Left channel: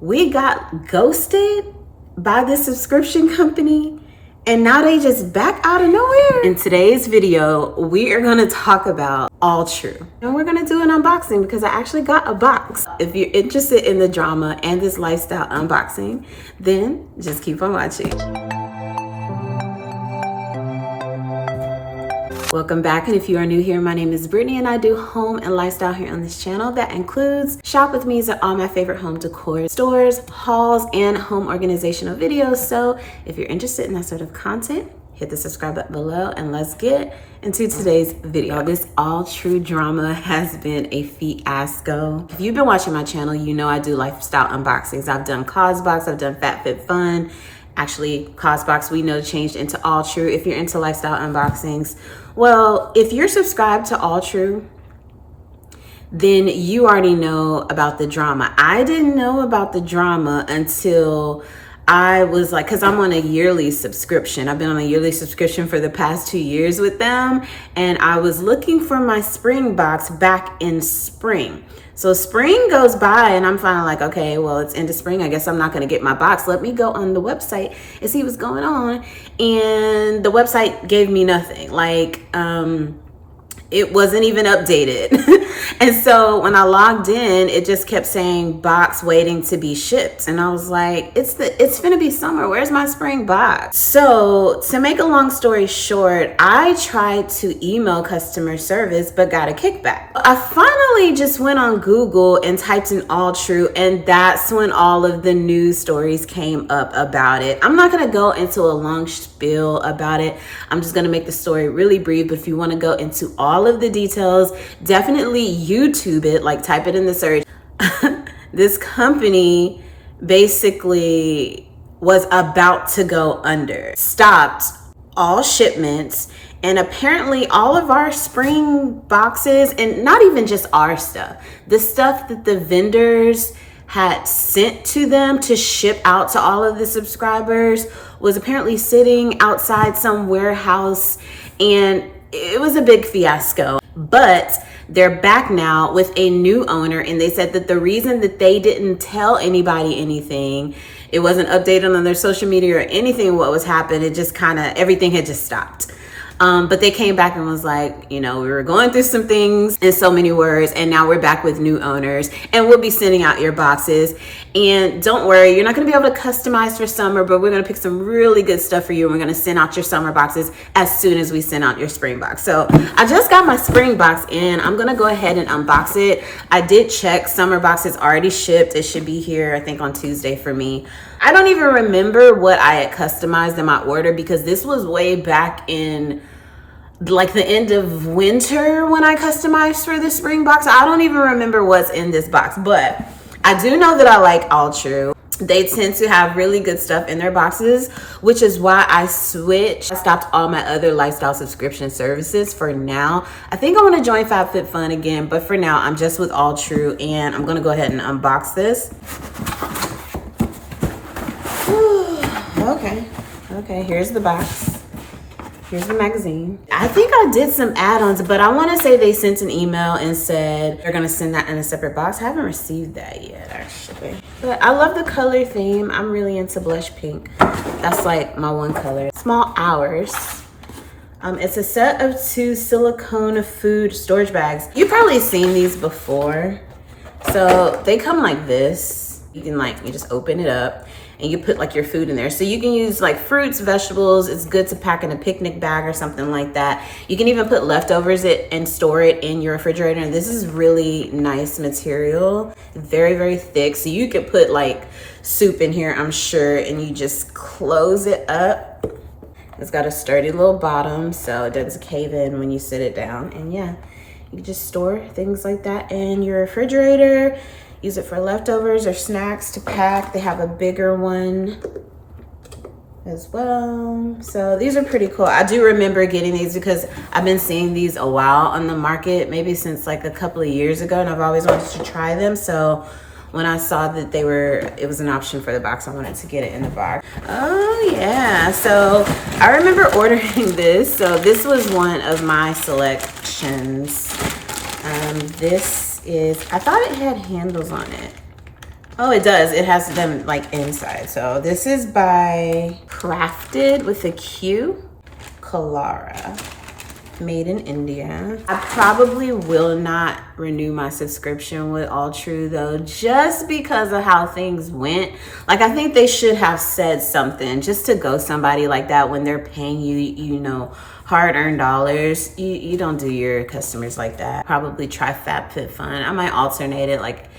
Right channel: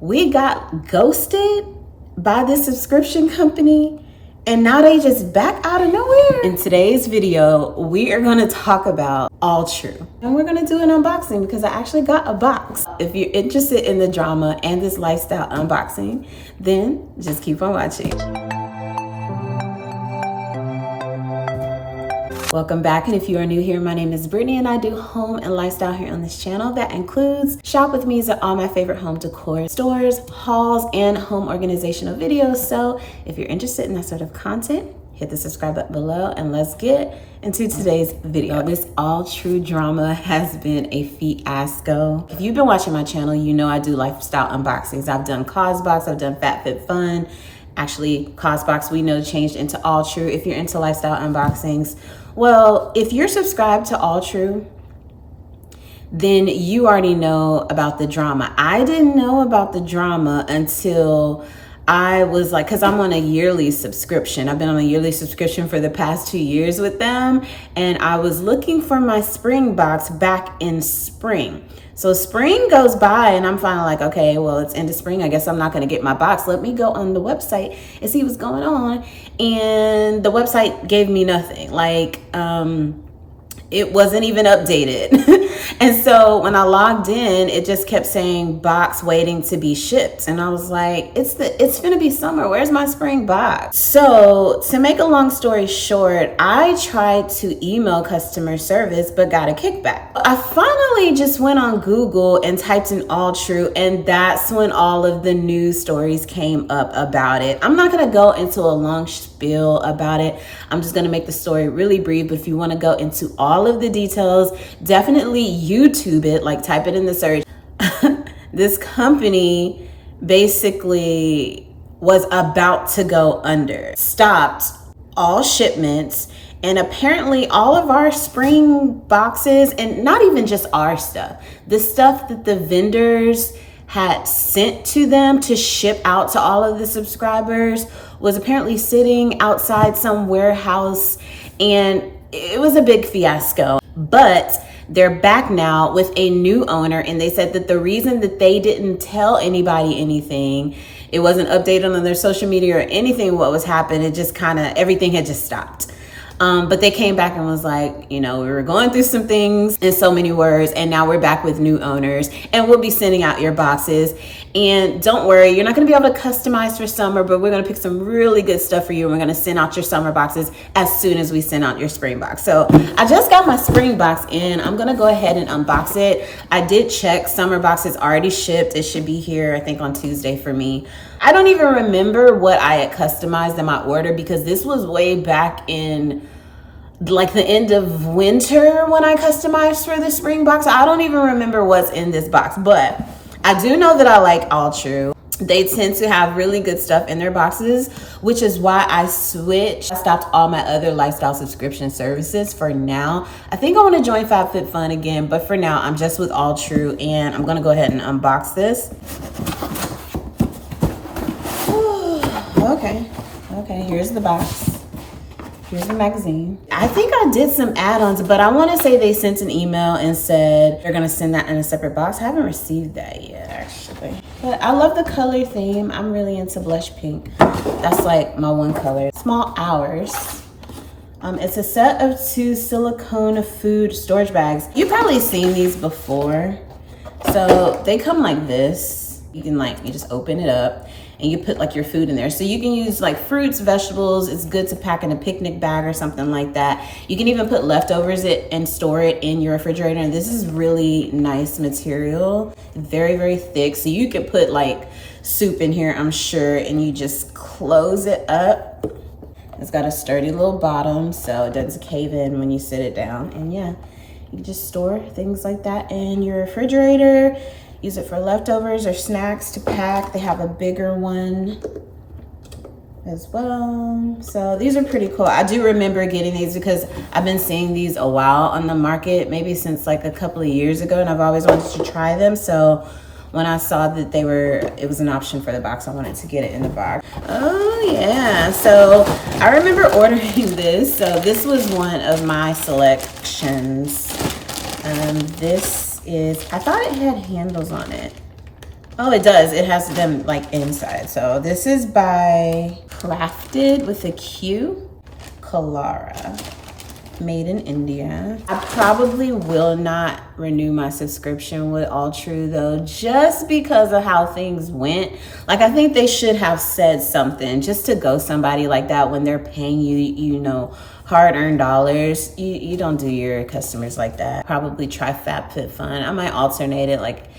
We got ghosted by this subscription company and now they just back out of nowhere. In today's video, we are gonna talk about Alltrue. And we're gonna do an unboxing because I actually got a box. If you're interested in the drama and this lifestyle unboxing, then just keep on watching. Welcome back, and if you are new here, my name is Brittany and I do home and lifestyle here on this channel. That includes shop with me's at all my favorite home decor stores, hauls, and home organizational videos. So if you're interested in that sort of content, hit the subscribe button below and let's get into today's video. This Alltrue drama has been a fiasco. If you've been watching my channel, you know I do lifestyle unboxings. I've done Cosbox, I've done FabFitFun. Actually, Cosbox we know changed into Alltrue. If you're into lifestyle unboxings, well, if you're subscribed to Alltrue, then you already know about the drama. I didn't know about the drama until I was like, because I'm on a yearly subscription. I've been on a yearly subscription for the past 2 years with them. And I was looking for my spring box back in spring. So spring goes by and I'm finally like, okay, well, it's end of spring. I guess I'm not going to get my box. Let me go on the website and see what's going on. And the website gave me nothing. Like, it wasn't even updated. And so when I logged in, it just kept saying box waiting to be shipped. And I was like, it's gonna be summer. Where's my spring box? So to make a long story short, I tried to email customer service, but got a kickback. I finally just went on Google and typed in Alltrue, and that's when all of the news stories came up about it. I'm not gonna go into a long spiel about it. I'm just gonna make the story really brief. But if you wanna go into all of the details, definitely YouTube it, like type it in the search. This company basically was about to go under, stopped all shipments, and apparently all of our spring boxes, and not even just our stuff, the stuff that the vendors had sent to them to ship out to all of the subscribers was apparently sitting outside some warehouse, and it was a big fiasco. But they're back now with a new owner, and they said that the reason that they didn't tell anybody anything, it wasn't updated on their social media or anything what was happening, it just kind of, everything had just stopped. But they came back and was like, you know, we were going through some things in so many words, and now we're back with new owners, and we'll be sending out your boxes. And don't worry, you're not gonna be able to customize for summer, but we're gonna pick some really good stuff for you, and we're gonna send out your summer boxes as soon as we send out your spring box. So I just got my spring box in. I'm gonna go ahead and unbox it. I did check, summer box is already shipped. It should be here, I think, on Tuesday for me. I don't even remember what I had customized in my order because this was way back in like the end of winter when I customized for the spring box. I don't even remember what's in this box, but I do know that I like Alltrue. They tend to have really good stuff in their boxes, which is why I switched. I stopped all my other lifestyle subscription services for now. I think I want to join FabFitFun again, but for now, I'm just with Alltrue, and I'm going to go ahead and unbox this. Okay, here's the box. Here's the magazine. I think I did some add-ons, but I want to say they sent an email and said they're going to send that in a separate box. I haven't received that yet, actually. But I love the color theme. I'm really into blush pink. That's like my one color. Small Hours. It's a set of 2 silicone food storage bags. You've probably seen these before. So they come like this. You can you just open it up and you put like your food in there. So you can use like fruits, vegetables. It's good to pack in a picnic bag or something like that. You can even put leftovers and store it in your refrigerator. And this is really nice material, very, very thick. So you could put like soup in here, I'm sure, and you just close it up. It's got a sturdy little bottom, so it doesn't cave in when you sit it down. And yeah, you can just store things like that in your refrigerator. Use it for leftovers or snacks to pack. They have a bigger one as well. So these are pretty cool. I do remember getting these because I've been seeing these a while on the market, maybe since like a couple of years ago, and I've always wanted to try them. So when I saw that it was an option for the box, I wanted to get it in the box. Oh yeah, so I remember ordering this. So this was one of my selections. This is, I thought it had handles on it. Oh, it does. It has them like inside. So this is by Crafted with a Q, Kalara, made in India. I probably will not renew my subscription with Alltrue though, just because of how things went. Like, I think they should have said something just to go somebody like that when they're paying you, you know, hard-earned dollars. You don't do your customers like that. Probably try FabFitFun. I might alternate it. Like,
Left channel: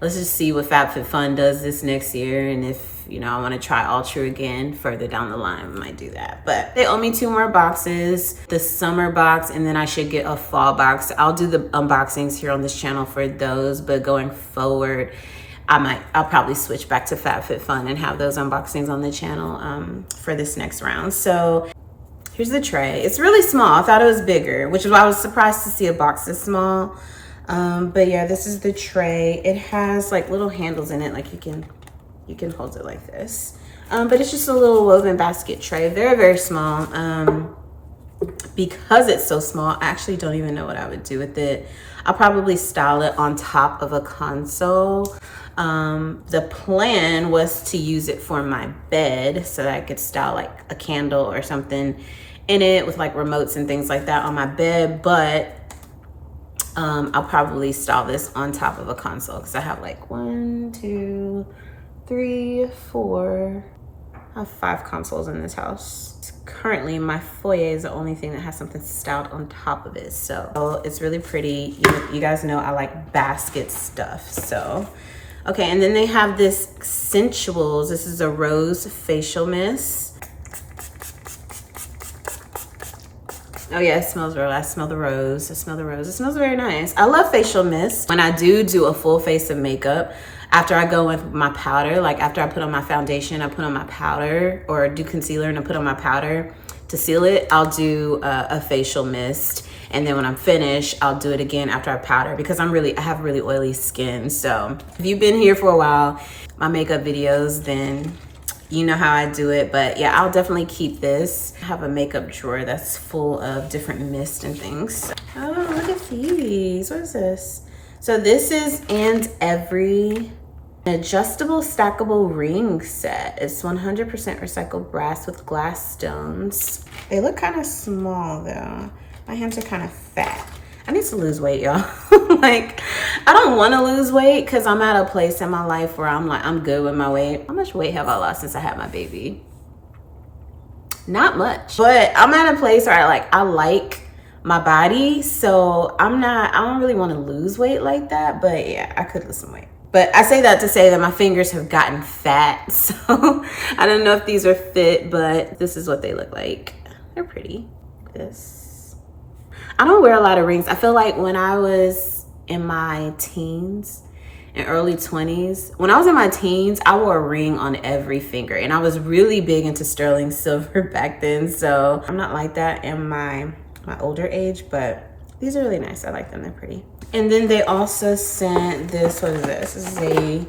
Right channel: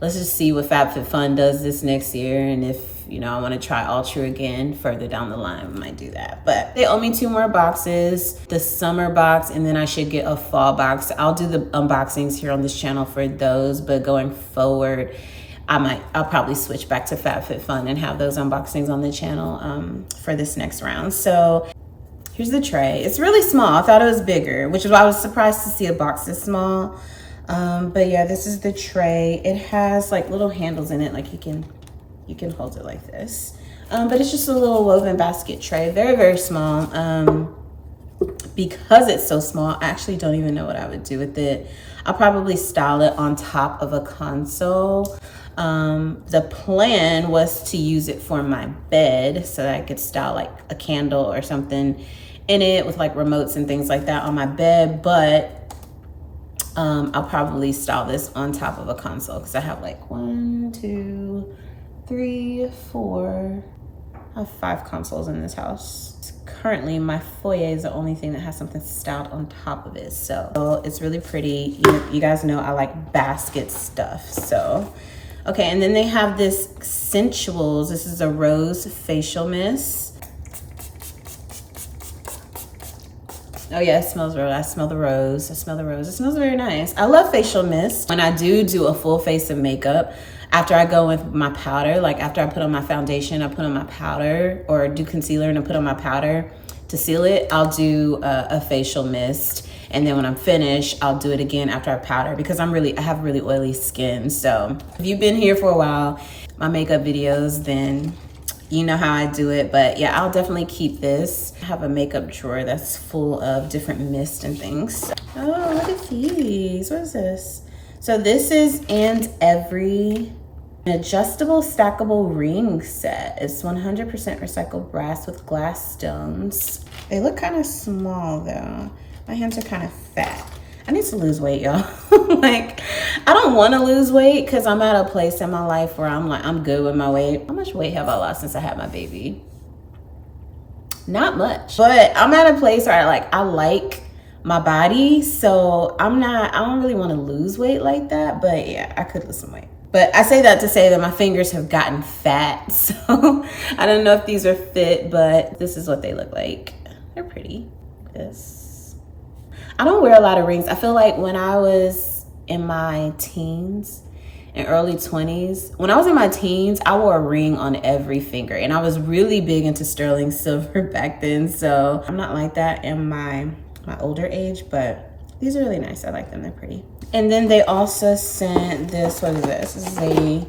let's just see what FabFitFun does this next year, and if, you know, I want to try Alltrue again further down the line, I might do that. But they owe me 2 more boxes, the summer box, and then I should get a fall box. I'll do the unboxings here on this channel for those, but going forward, I'll probably switch back to FabFitFun and have those unboxings on the channel for this next round. So here's the tray. It's really small. I thought it was bigger, which is why I was surprised to see a box this small. But yeah, this is the tray. It has like little handles in it, like you can hold it like this. But it's just a little woven basket tray, very, very small. Because it's so small, I actually don't even know what I would do with it. I'll probably style it on top of a console. The plan was to use it for my bed so that I could style like a candle or something in it with like remotes and things like that on my bed, but I'll probably style this on top of a console because I have like 1, 2, 3, 4, I have 5 consoles in this house. Currently, my foyer is the only thing that has something styled on top of it. So it's really pretty. You guys know I like basket stuff. So, okay, and then they have this Sensuals. This is a rose facial mist. Oh yeah, it smells real. I smell the rose. I smell the rose. It smells very nice. I love facial mist. When I do a full face of makeup, after I go with my powder, like after I put on my foundation, I put on my powder, or do concealer and I put on my powder to seal it, I'll do a facial mist. And then when I'm finished, I'll do it again after I powder, because I have really oily skin. So if you've been here for a while, my makeup videos, then you know how I do it. But yeah, I'll definitely keep this. I have a makeup drawer that's full of different mists and things. Oh, look at these. What is this? So this is And Every, an adjustable stackable ring set. It's 100% recycled brass with glass stones. They look kind of small though. My hands are kind of fat. I need to lose weight, y'all. Like, I don't want to lose weight because I'm at a place in my life where I'm like, I'm good with my weight. How much weight have I lost since I had my baby? Not much. But I'm at a place where I like my body. So I don't really want to lose weight like that. But yeah, I could lose some weight. But I say that to say that my fingers have gotten fat. So I don't know if these are fit, but this is what they look like. They're pretty. This. I don't wear a lot of rings. I feel like when I was in my teens and early 20s, when I was in my teens, I wore a ring on every finger, and I was really big into sterling silver back then. So I'm not like that in my older age, but these are really nice. I like them, they're pretty. And then they also sent this, what is this? This is a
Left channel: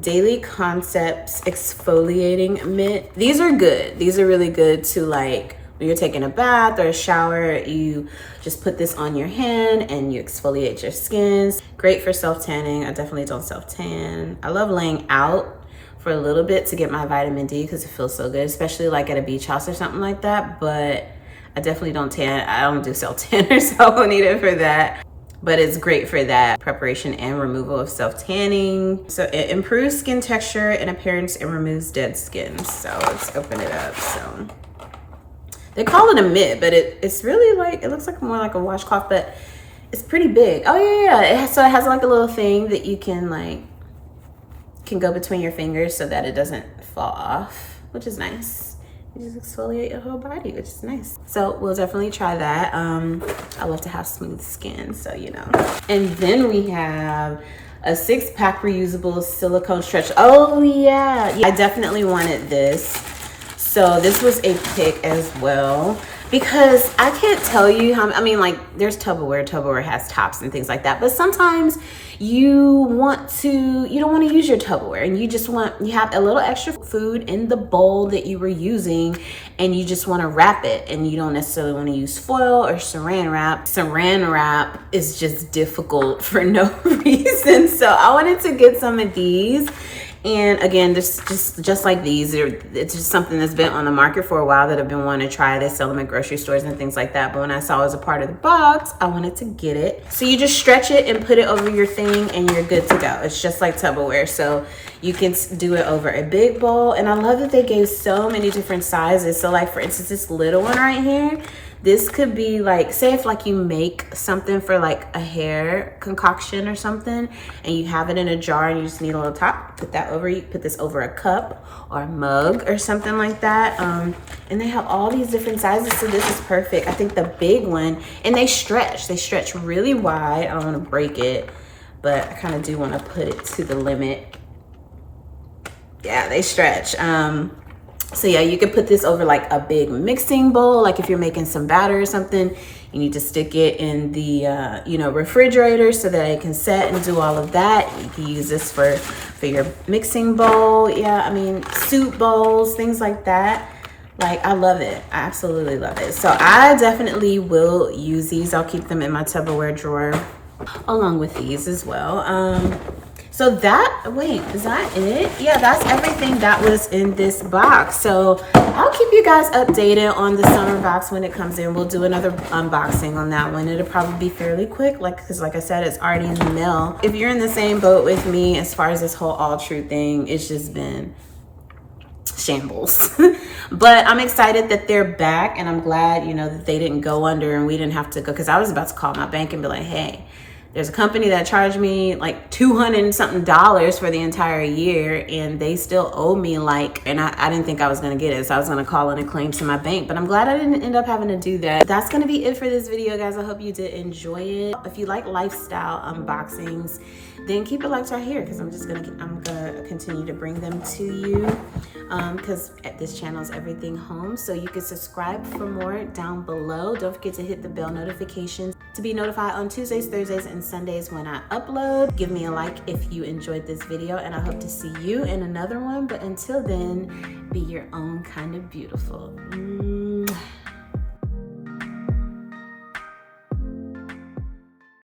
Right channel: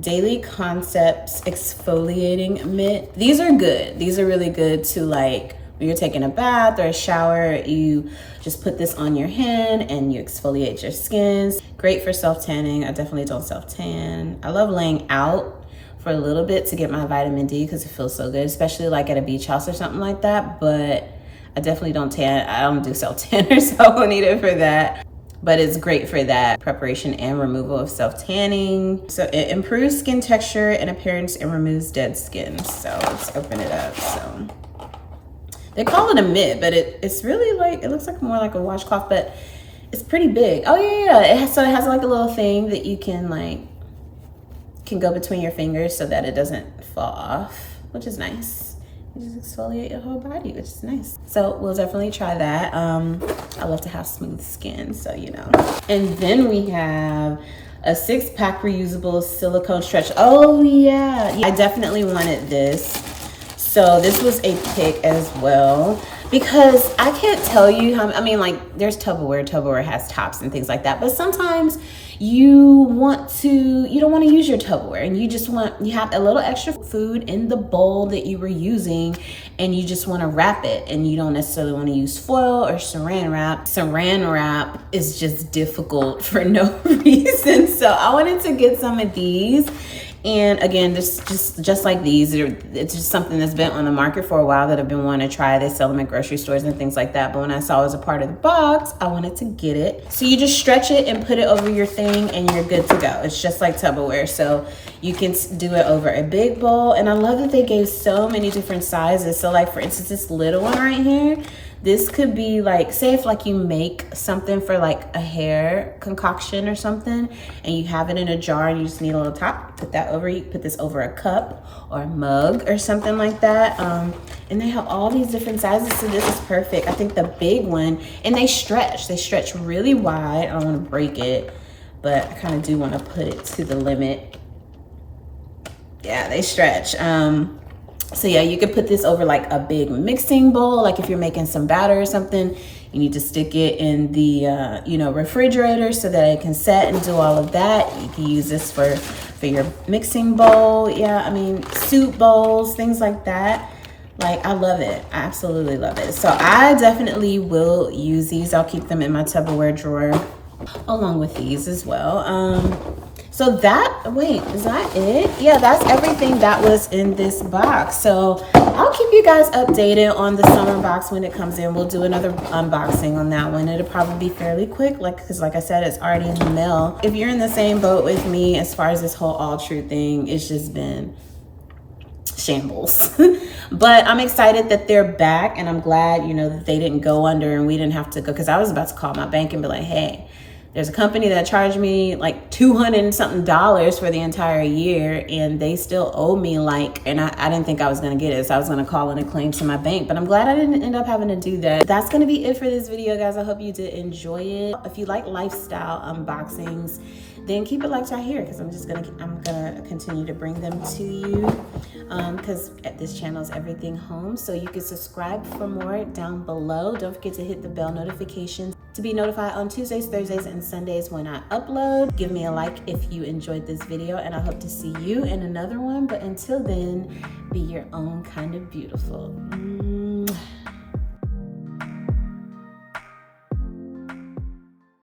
Daily Concepts exfoliating mitt. These are good. These are really good to, like, when you're taking a bath or a shower, you just put this on your hand and you exfoliate your skin. Great for self-tanning. I definitely don't self-tan. I love laying out for a little bit to get my vitamin D because it feels so good, especially like at a beach house or something like that. But I definitely don't tan. I don't do self-tanner, so I won't need it for that. But it's great for that preparation and removal of self-tanning. So it improves skin texture and appearance and removes dead skin. So let's open it up. So they call it a mitt, but it's really like, it looks like more like a washcloth, but it's pretty big. Oh yeah. So it has like a little thing that you can go between your fingers so that it doesn't fall off, which is nice. You just exfoliate your whole body, which is nice. So we'll definitely try that. I love to have smooth skin, so you know. And then we have a 6-pack reusable silicone stretch. Oh yeah, I definitely wanted this. So this was a pick as well, because I can't tell you how, I mean, like, there's Tupperware has tops and things like that, but sometimes you don't want to use your Tupperware, and you have a little extra food in the bowl that you were using, and you just want to wrap it, and you don't necessarily want to use foil or saran wrap. Saran wrap is just difficult for no reason. So I wanted to get some of these. And again, this just like these, it's just something that's been on the market for a while that I've been wanting to try. They sell them at grocery stores and things like that. But when I saw it as a part of the box, I wanted to get it. So you just stretch it and put it over your thing and you're good to go. It's just like Tupperware. So you can do it over a big bowl. And I love that they gave so many different sizes. So like, for instance, this little one right here, this could be like, say if like you make something for like a hair concoction or something, and you have it in a jar and you just need a little top, put that over, you put this over a cup or a mug or something like that. And they have all these different sizes, so this is perfect. I think the big one, and they stretch really wide. I don't want to break it, but I kind of do want to put it to the limit. Yeah, they stretch. So yeah, you could put this over like a big mixing bowl. Like if you're making some batter or something, you need to stick it in the refrigerator so that it can set and do all of that. You can use this for your mixing bowl. Yeah, I mean, soup bowls, things like that. Like, I love it. I absolutely love it. So I definitely will use these. I'll keep them in my Tupperware drawer along with these as well. So wait, is that it? Yeah, that's everything that was in this box. So I'll keep you guys updated on the summer box when it comes in. We'll do another unboxing on that one. It'll probably be fairly quick, because like I said, it's already in the mail. If you're in the same boat with me as far as this whole Alltrue thing, it's just been shambles. But I'm excited that they're back, and I'm glad, that they didn't go under and we didn't have to go, because I was about to call my bank and be like, hey, there's a company that charged me like $200 and something for the entire year, and they still owe me and I didn't think I was gonna get it. So I was gonna call in a claim to my bank, but I'm glad I didn't end up having to do that. That's gonna be it for this video, guys. I hope you did enjoy it. If you like lifestyle unboxings, then keep it locked right here, because I'm gonna continue to bring them to you, because this channel is everything home. So you can subscribe for more down below. Don't forget to hit the bell notifications to be notified on Tuesdays, Thursdays, and Sundays when I upload. Give me a like if you enjoyed this video, and I hope to see you in another one. But until then, be your own kind of beautiful.